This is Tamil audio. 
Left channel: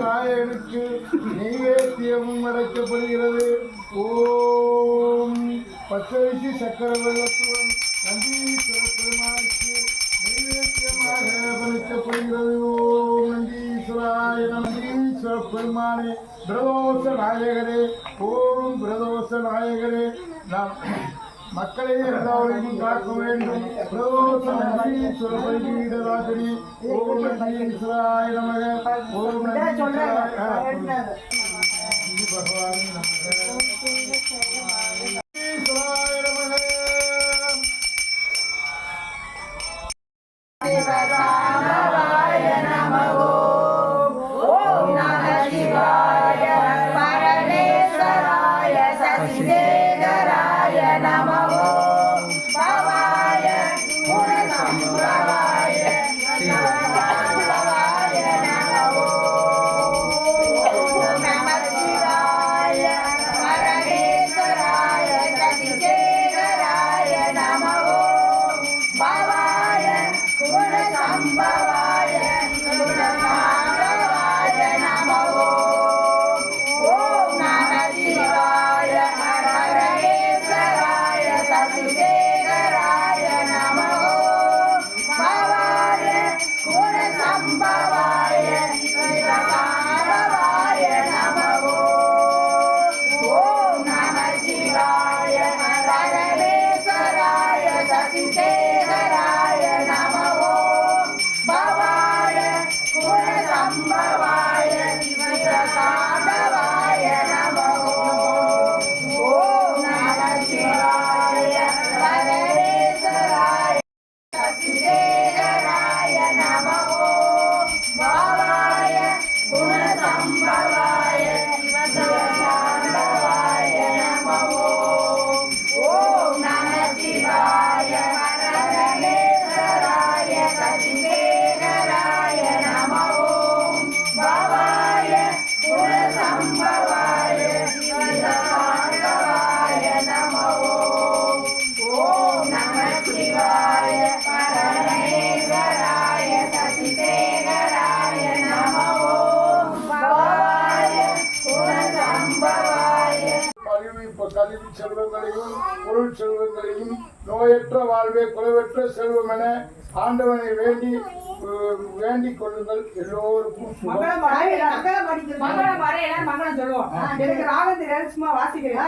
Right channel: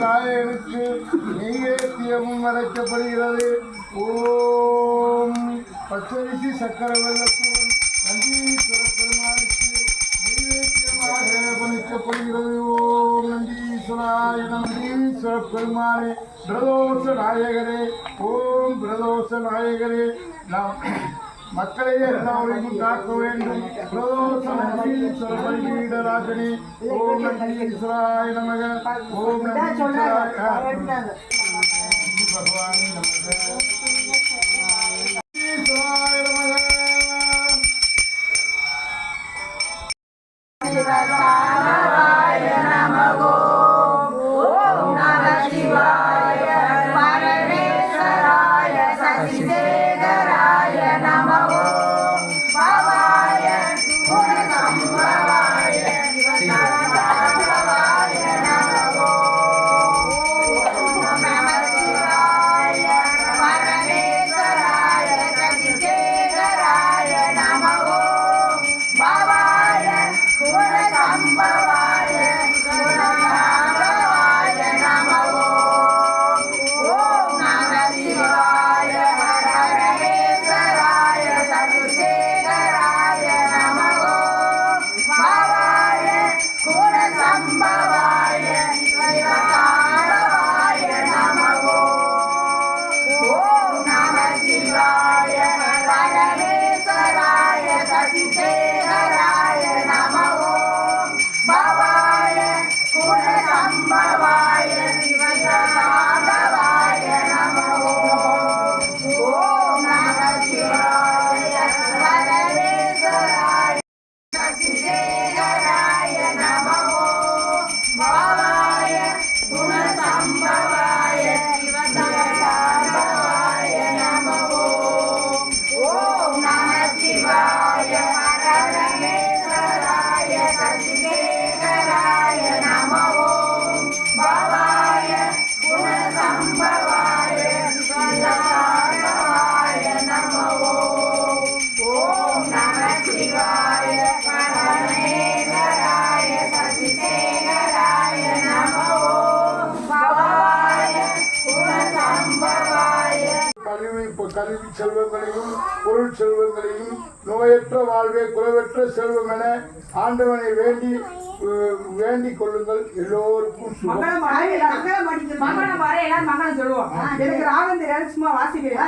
நாயகனுக்கு நெய்வேத்தியமும் அடைக்கப்படுகிறது ஓம். பச்சரிசி சக்கர வெள்ளத்துடன் நந்தீஸ்வர பெருமானுக்கு நெய்வேத்தியமாக பணிக்கப்படுகிறது ஓம். நந்தீஸ்வராய நந்தீஸ்வர பெருமானே பிரதோஷ நாயகரே ஓம் பிரதோஷ நாயகரே நாம் மக்களை எல்லாரையும் காக்க வேண்டும். பிரதோஷ நந்தீஸ்வர பலிபீடராஜனே ஓம் நந்தீஸ்வராய நமக. ஓம் நந்தீஸ்வராய நந்தி பகவானே நமக. நந்தீஸ்வராய Bye. கல்வி கல்வி செல்வங்களையும் பொருள் செல்வங்களையும் நோயற்ற வாழ்வே குறைவற்ற செல்வம் என ஆண்டவனை வேண்டி வேண்டிக் கொள்ளுங்கள் எல்லோருக்கும் மங்களம் மங்களம் எல்லாரும் மங்களம் சொல்லுவோம். எனக்கு சும்மா வாசிக்கிறேன்.